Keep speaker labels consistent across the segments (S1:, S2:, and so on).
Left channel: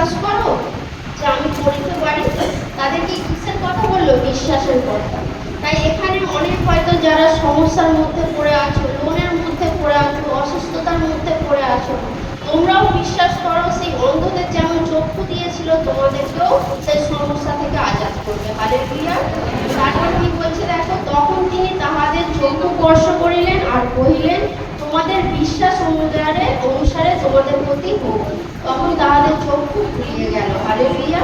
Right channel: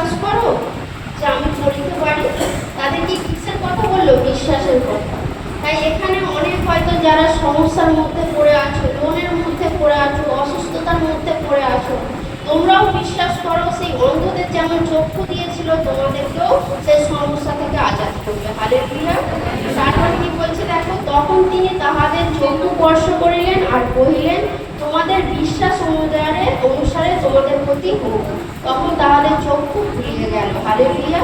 S1: বিশ্বাস করো যে আমি পড়তে পারি তাদেরকে কিসের কথা বলল? বিশ্বাসের কথা। তাই এখানে অনেক হয়তো যারা সমস্যার মধ্যে পড়ে আছো লোনের মধ্যে পড়ে আছো, অসুস্থতার মধ্যে পড়ে আছো, তোমরাও বিশ্বাস করো সেই অন্ধদের যেমন চক্ষু দিয়েছিল, তোমাদেরকেও সেই সমস্যা থেকে আজাদ করবে। হালে প্রিয়া তারপর কি বলছে দেখো, তখন তিনি তাহাদের চক্ষু স্পর্শ করিলেন আর কহিলেন বিশ্বাস অনুসারে অনুসারে তোমাদের প্রতি হোক তখন তাহাদের চক্ষু খুলিয়ে গেল। হালে প্রিয়া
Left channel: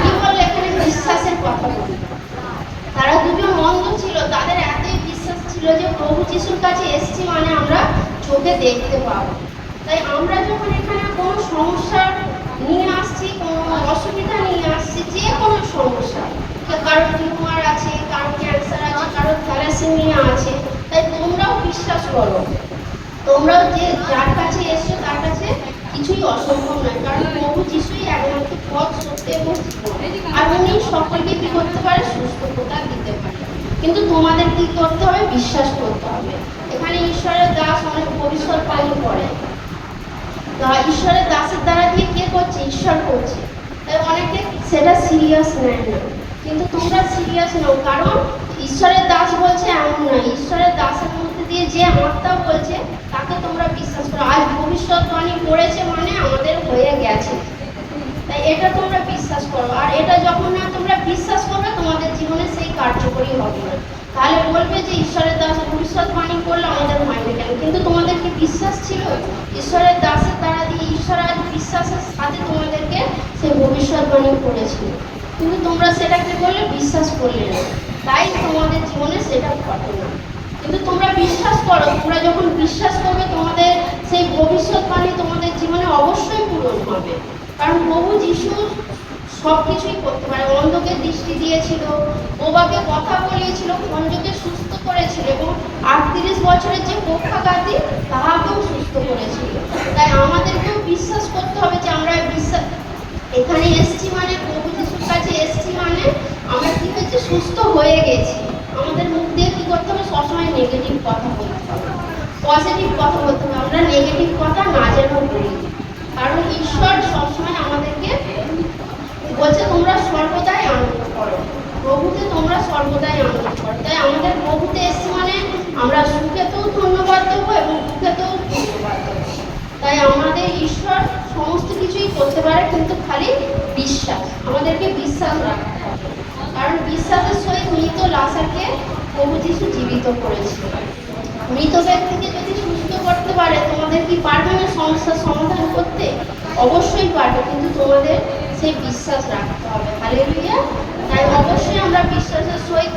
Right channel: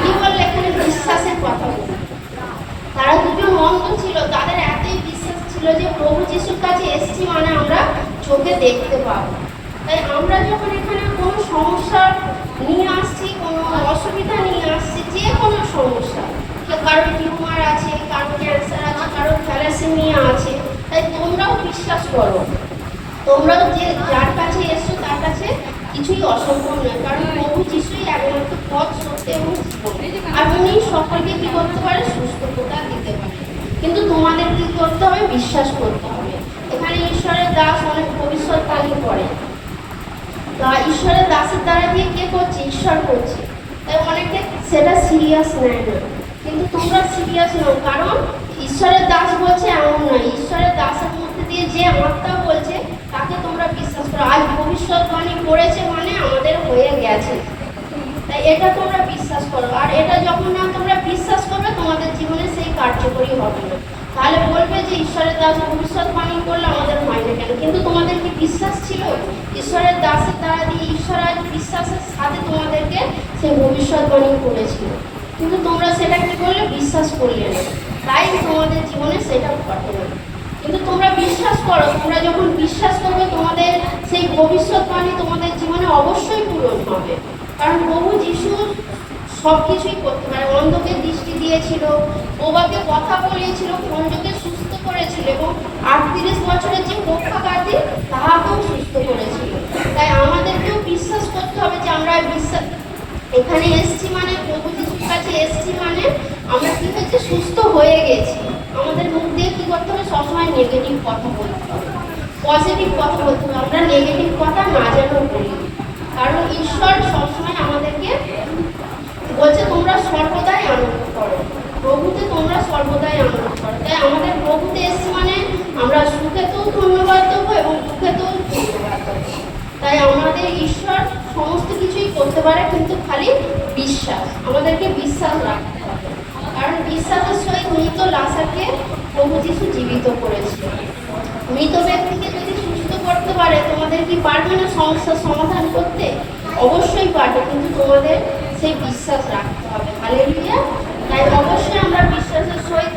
S1: কি বললে এখানে বিশ্বাসের কথা বলি তারা দুজন অন্ধ ছিল। তাদের এতই বিশ্বাস ছিল যে প্রভু যিশুর কাছে এসছি মানে আমরা চোখে দেখতে পাবো। তাই আমরা যখন এখানে কোনো সমস্যা নিয়ে আসছি, কোনো অসুবিধা নিয়ে আসছি, যে কোনো সমস্যা যে কারোর টিউমার আছে কারোর ক্যান্সার আছে কারোর থ্যালাসেমিয়া আছে, তাই তোমরাও বিশ্বাস করো। তোমরাও যে যার কাছে এসছো, তার কাছে কিছুই অসম্ভব নয়, কারণ প্রভু যিশুই একমাত্র পথ, সত্য এবং আর উনি সকলকে কি করতে পারে? সুস্থতা দিতে পারে। কিন্তু তোমাদের কি করতে হবে? বিশ্বাস করতে হবে। এখানে ঈশ্বরের দাস অনেক ভবিষ্যৎবাণী করে। তা ঈশ্বরের দাসের দ্বারা দিয়ে কে করছে? ঈশ্বর করছে। তাই অনেকে সেটা সিরিয়াস নেয় না কিন্তু তোমরা সিরিয়াস নাও, কারণ ঈশ্বরের দাস বলছে, এমন নয়। ঈশ্বরের দাসের মধ্যে দিয়ে যে আত্মা বলছে, তাকে তোমরা বিশ্বাস করো। আজ ভবিষ্যৎবাণী পড়েছে মানে আমাদের হয়ে গেছে। তাই এটা তোমরা বিশ্বাস করো। আর এটা যখন না তোমরা বিশ্বাস করবে, তোমাদের জীবনে সেই কার্যকরী হবে না। তাহলে বলবে যে ঈশ্বরের দাস ভবিষ্যৎবাণী করলে আমাদের মাইন্ডে কেন কিন্তু তোমাদের কি বিশ্বাস ছিল? ঈশ্বরের দাসের দ্বারা দিয়ে ঈশ্বর আজ বিশ্বাসের সাথে তোমাদেরকে সেই ভবিষ্যৎবাণী করেছিল। কিন্তু তোমরা সেটা কি করলে বিশ্বাস করলে না। তাই তোমাদের জীবনে সেটা ঘটে। কিন্তু তোমরা বিশ্বাস করো, তোমরা যখন বিশ্বাস করবে, তোমাদের সেই ভবিষ্যৎবাণী তোমাদের জীবনে অবশ্যই পূরণ হবে। কারণ প্রভু যিশু সব কিছুই করতে পারে। অন্ধকে দৃষ্টি দিয়েছিল, বোবাকে কথা বলিয়েছিল, খঞ্জকে সুস্থ করেছিল এবং আটত্রিশ বছরের যে পক্ষাঘাতী, তাহাকেও সুস্থ করেছিল। তাই আমাদেরকেও বিশ্বাস করতে হবে যে আমরা বিশ্বাস এখানে এসছি মানে প্রভু যিশুর কাছে এসছি মানে আমরা কি হচ্ছে সুস্থ হয়ে গেছি। আমাদের মুখ দিয়ে কি করতে হবে? সবসময় নেগেটিভ কথা বলতে হবে। পজিটিভ কথা বলতে হবে। আমরা নেগেটিভ কথা না যেন বলি। কারণ ঈশ্বর সবসময় আমাদেরকে বলছে, তোমরা সর্বদাই আনন্দ করো। প্রভুতে তোমরা সর্বদাই আনন্দ করো। তাই আমাদের প্রভুতে এসছি মানে আমরা সুখেতেও ধন্যবাদ দেবো এবং দুঃখেতেও ধন্যবাদ দেবো। তাই আমাদের ঈশ্বর সমস্ত কিছুই করতে পারে, কিন্তু খালি বিশ্বাস। আমাদেরকে বিশ্বাস রাখতে লাসাকে প্রভু যিশু জীবিত করেছিল। মৃত ব্যক্তিকে যদি সুস্থ করতে পারে, তোমাদের কি পারবে না সমস্যার সমাধান করতে? অবশ্যই পারবে, কিন্তু তোমাদের সেই বিশ্বাস রাখতে হবে। হালেলুইয়া তাই অবশ্যই আমরা বিশ্বাসের সহিত